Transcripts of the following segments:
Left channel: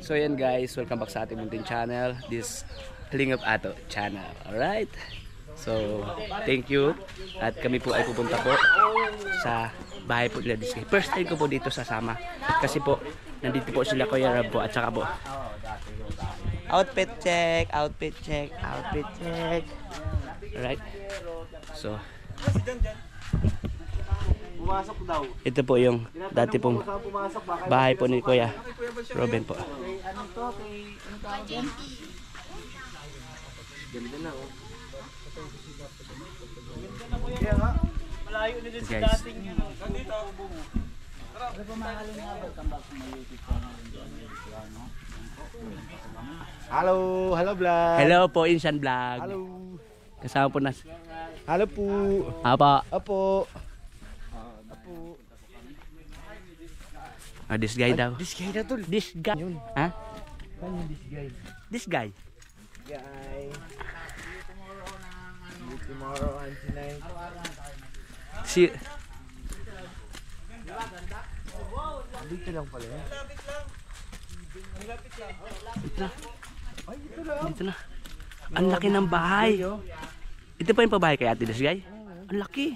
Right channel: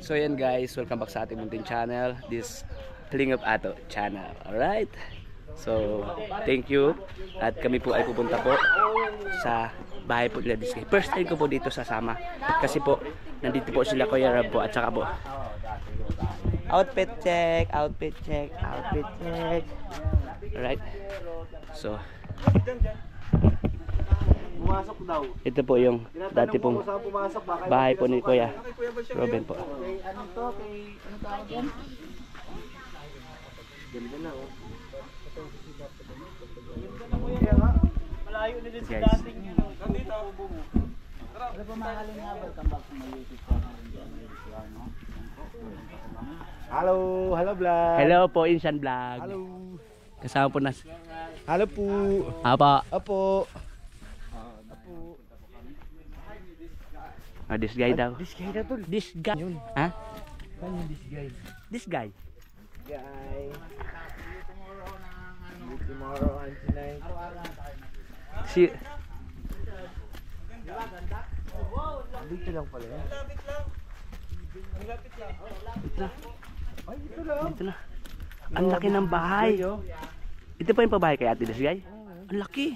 So yan guys, welcome back sa ating munting channel. This Kalingap Ato channel. Alright. So thank you. At kami po ay pupunta po sa bahay po nila Diskay. First time ko po dito sasama. Kasi po nandito po sila Kuya Rab po at saka po outfit check, outfit check, outfit check. Alright. So Pumasok daw. ito po yung dati pong bahay po ni Kuya Robin po. Kay ano to? Kay ano tawag yan? Ganda na oh. Kaya nga, malayo na din sa dating yun. Nandito ako bumo. Ano pa mga kalingap? Welcome back to my YouTube channel. Hello, hello vlog. Hello po, Insan Vlog. Hello. Kasama po na. Hello po. Apa? Apo. This guy daw. This guy na tol. This guy. Yun. Ha? Ano yung this guy? This guy. Guy. Tomorrow and tonight. Si Dito lang pala yan. Ay, ito lang. dito na. Ang laki ng bahay. Ito pa yung pabahay kay Ate This guy. Ang laki.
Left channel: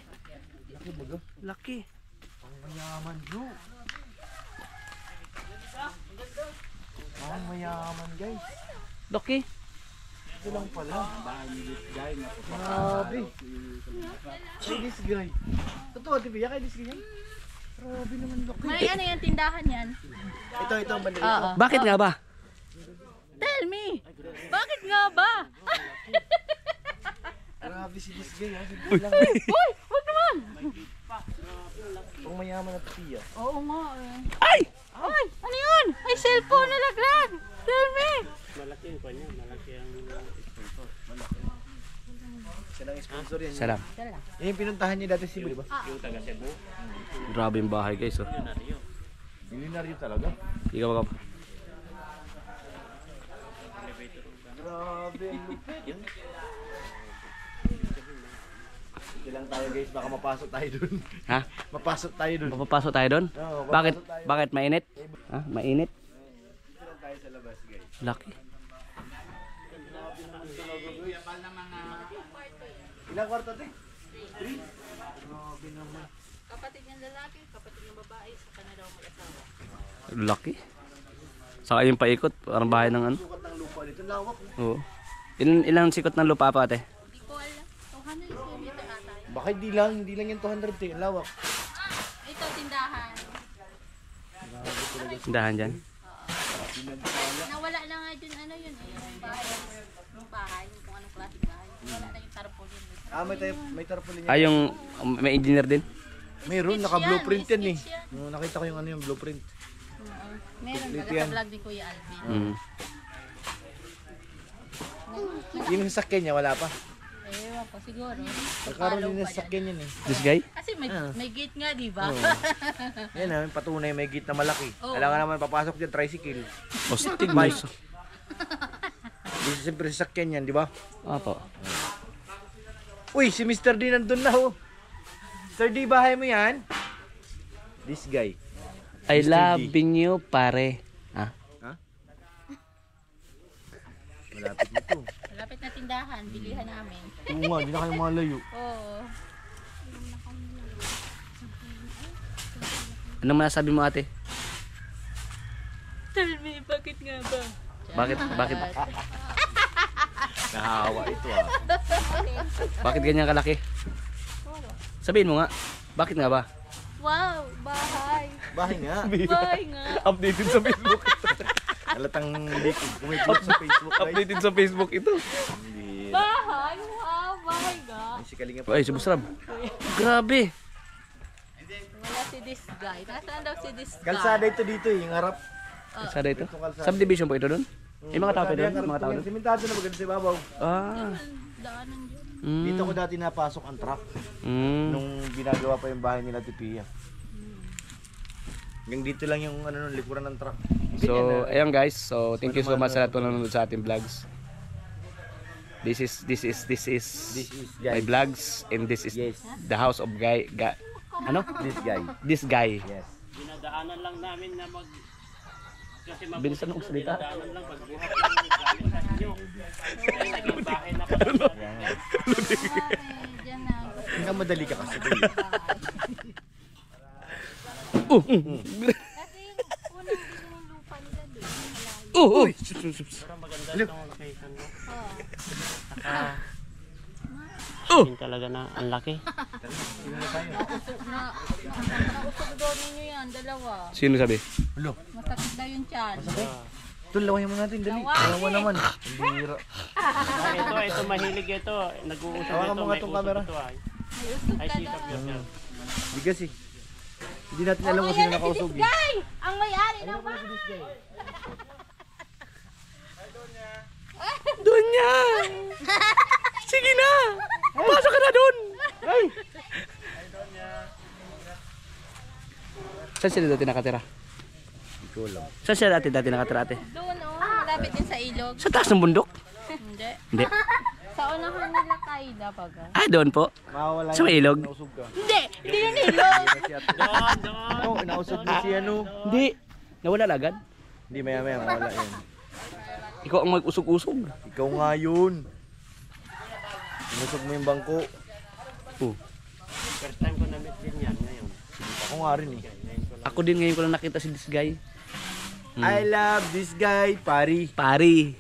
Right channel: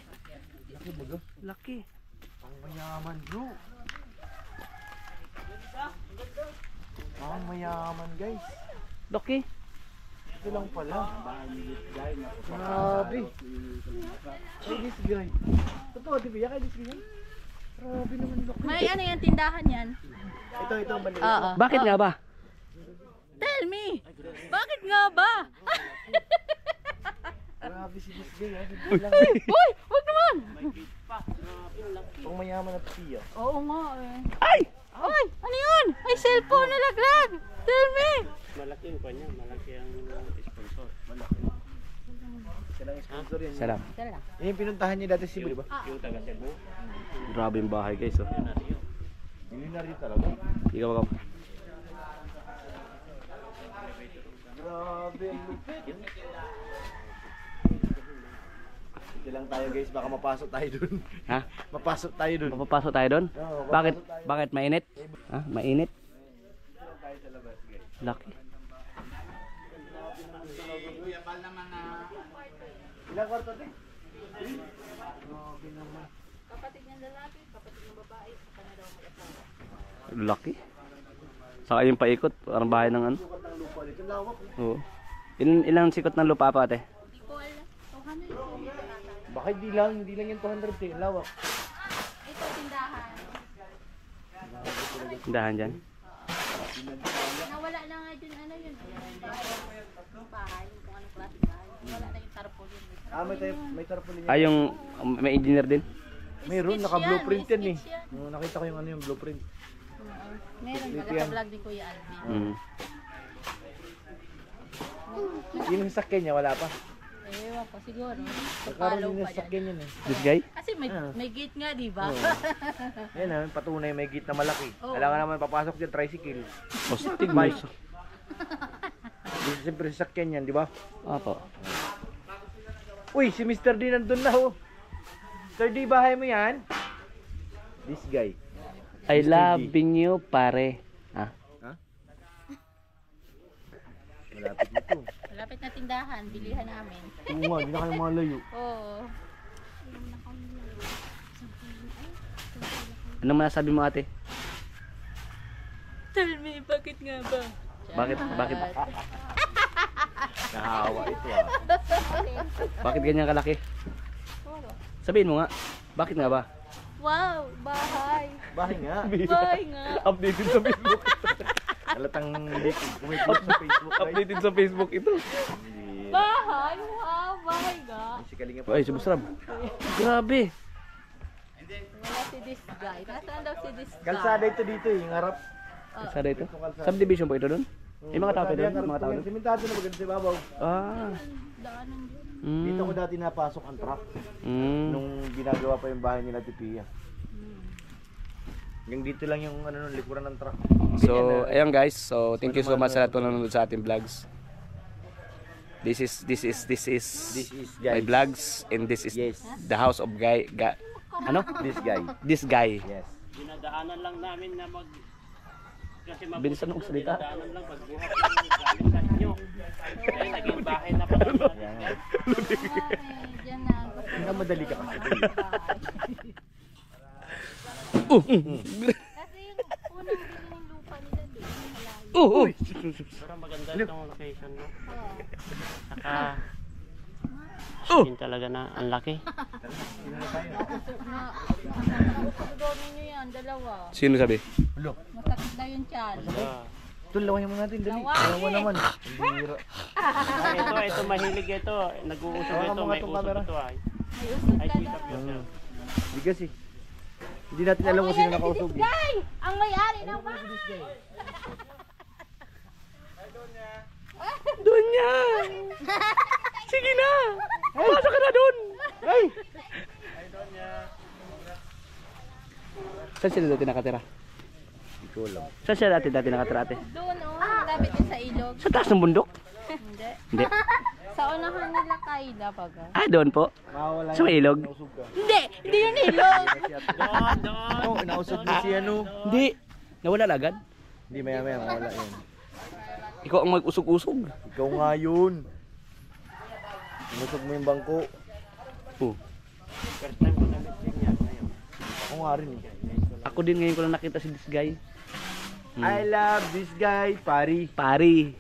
Laki baga. Laki. Ang mayaman bro. Ang mayaman guys. Laki. Ito lang pala. Grabe. Kay this guy. Totoo, di ba? Kay this guy. Grabe naman laki. May ano yan, tindahan yan. Ito ang bandila. Oo. Bakit nga ba? Tell me! Bakit nga ba? Grabe si this guy. Simple lang. Uy! Huwag naman! Ang mayaman at tiya. Oo nga eh. Ay! Uy! Ano yun? Ay, cellphone nalaglag! Tell me! Malaki yung kanya. Malaki ang sponsor. Malaki. Siya lang sponsor yan. Salam. Tala. Yan yung pinuntahan niya dati si Cebu, di ba? Yung taga Cebu. Grabe yung bahay guys. Oh. Hindi na rin talaga. Ikaw ka. Grabe ang lupit. Sige lang tayo guys, baka mapasok tayo dun. Ha? Mapasok tayo dun. Papapasok tayo doon? Oo, Bakit? papasok tayo. Bakit mainit? Ha? Mainit? Tayo sa labas guys. Laki. Ilang kwarto din? Kapatid ng lalaki, kapatid ng babae, saka na daw mag-asawa. Laki. Saka yung paikot, parang bahay ng ano. Sukat ng lupa dito, lawak. Oo. Ilang sikot ng lupa pa ate? Hindi ko alam. 200 square meter ata. Baka hindi lang yung 200 eh, lawak. Ito, tindahan. Tindahan dyan. Nawala na nga dun, ano yun eh. Yung bahay, kung anong klaseng bahay. Wala na yung tarpaulin. Ah, may tarpaulin yan. Ah, yung may engineer din? Mayroon, Sketch naka-blueprint yan, yan may eh. sketch yan. Nakita ko yung ano yung blueprint. Meron, Dito taga yan. sa vlog ni Kuya Alvin. Mm. Yung sakyan niya, wala pa. Ewan ko, siguro. Nagkaroon Follow din pa ng dyan. sakyan yan eh. This guy? Kasi may gate nga, di ba? Yan ah, patunay may gate na malaki. Oo. Kailangan naman papasok dyan, tricycle. Postig mo. Di siyempre sakyan yan, di ba? Opo. Uy, si Mr. D nandun na oh. Mr. D, bahay mo yan? This guy. I Mr. D. loving you, pare. Ha? Ha? Malapit na to. Malapit na tindahan, bilihan namin. Oo nga, hindi na kayo malayo. Oo. Anong masasabi mo ate? Tell me, bakit nga ba? Bakit? Bakit? Nahawa ito ah. Bakit ganyan kalaki? Sabihin mo nga. Bakit nga ba? Wow, bahay. Bahay nga. Bahay nga. Updated sa Facebook. Halatang kumikot sa Facebook guys. Updated sa Facebook ito. Hindi. Bahay? Wow, bahay nga. Si Kalinga Ay, si Busrab. Grabe. Wala si this guy. Nasaan daw si this guy? Kalsada ito dito eh, yung harap. Sada ito? Subdivision po ito doon? Yung mga tao Kalsada doon? yan, harap Mga tao yan. doon? Simentado na maganda sa babaw. Ah. Daanan dyan. Mm. Dito ko dati napasok ang truck. Mm. Nung ginagawa pa yung bahay nila Tipia. Hanggang dito lang yung ano, nung likuran ng truck. So, ayan guys. So, thank you so much sa lahat po nanonood sa ating vlogs. This is This is my guys. vlogs and this is Yes. the house of ano? This guy. This guy. Yes. Dinadaanan lang namin na kasi mabuti Bilisan mo salita. daanan lang pagbuhat ng galing sa inyo. Ay, naging bahay na pala. Diyan na. Hanggang madali ka kasi. Kasi yung unang bili ng lupa nila doon. Malayo. Pero maganda itong location mo. Oo. Saka, yun talaga na ang laki. Nausog daw ninyo yan, dalawa. Sino sabi? Masakit daw yung tiyan. Ito, lawahin mo natin. Dali. Lawahin. Alam mo naman. Bihira. Ito mahilig ito. Nag-uusap Hawakan ito, mo nga may itong usap camera. ito ay. May usog Ay, ka sikap daw. yun. Hindi kasi. Hindi natin alam kung sino nakausog. eh. Guy! Ang may-ari ng bahay! Doon niya! Sige na! Pasok ka na doon! Ay! Saan sila dati nakatira? Hindi ko alam. Saan sila dati nakatira ate? Doon malapit din sa ilog. Sa taas ng bundok? Hindi. Hindi. Sa unahan nila Kayla baga. Ah, doon po. Mawawala Sa may ilog? Nausog ka. Hindi! Hindi yung ilog! Doon! Oo, nausog mo si ano. Hindi. Nawala na agad? Hindi, maya mawala yan. Ikaw ang mag-usog-usog. Ikaw nga yun. Inusog mo yung bangko. Oh. First time ko na-meet din yan ngayon. Ako nga rin eh. Ako din ngayon ko lang nakita si this guy. I love this guy, pari. Pari.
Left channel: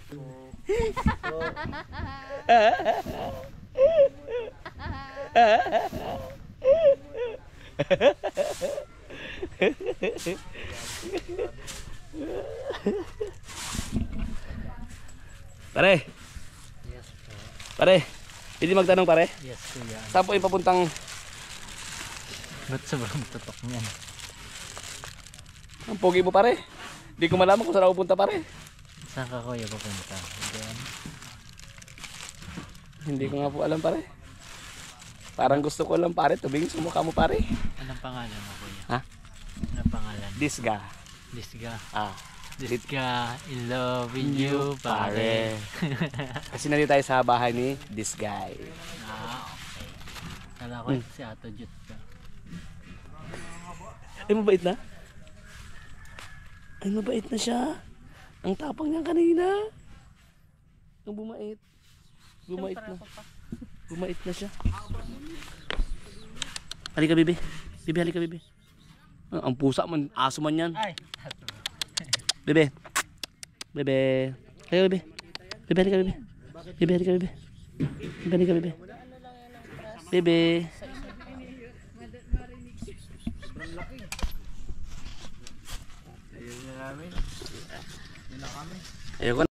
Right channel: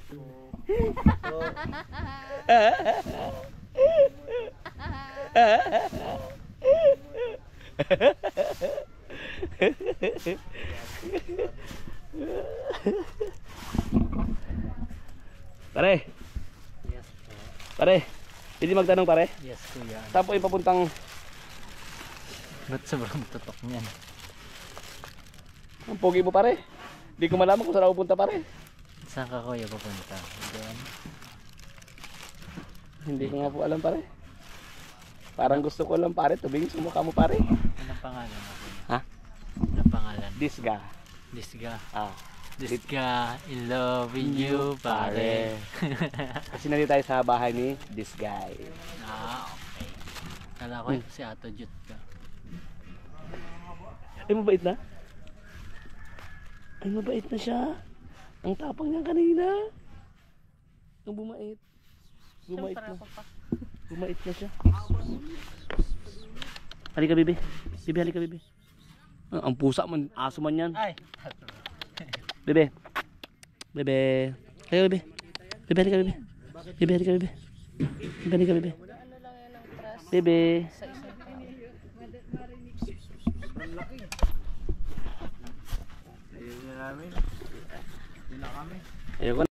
Pare. Yes po. Pare. Pwede magtanong pare? Yes kuya. Saan po yung papuntang Ba't sobrang tutok niyan? ang pogi mo pare? Hindi ko malaman kung saan ako punta pare. Saan ka kuya papunta? Doon? Hindi ko nga po alam pare. Parang gusto ko lang pare, tubing sa mukha mo pare. Anong pangalan mo kuya? Ha? Anong pangalan? Disga. Disga. Ah. Disga, in love with you, pare. Kasi nandito tayo sa bahay ni this guy. Okay. Kala ko si Ato Jut ka. Ay, mabait na? Ay, mabait na siya. Ang tapang niya kanina. Ang bumait. Bumait na. Bumait na siya. Halika, Bibi. Bibi, halika, Bibi. Ah, ang pusa man, aso man yan. Ay! Bebe. Bebe. Halika, Bebe. Bebe, halika, Bebe. Bebe, halika, Bebe. Bebe, halika, Bebe. Bebe. Ayun na namin. Yun na kami. Ayoko na.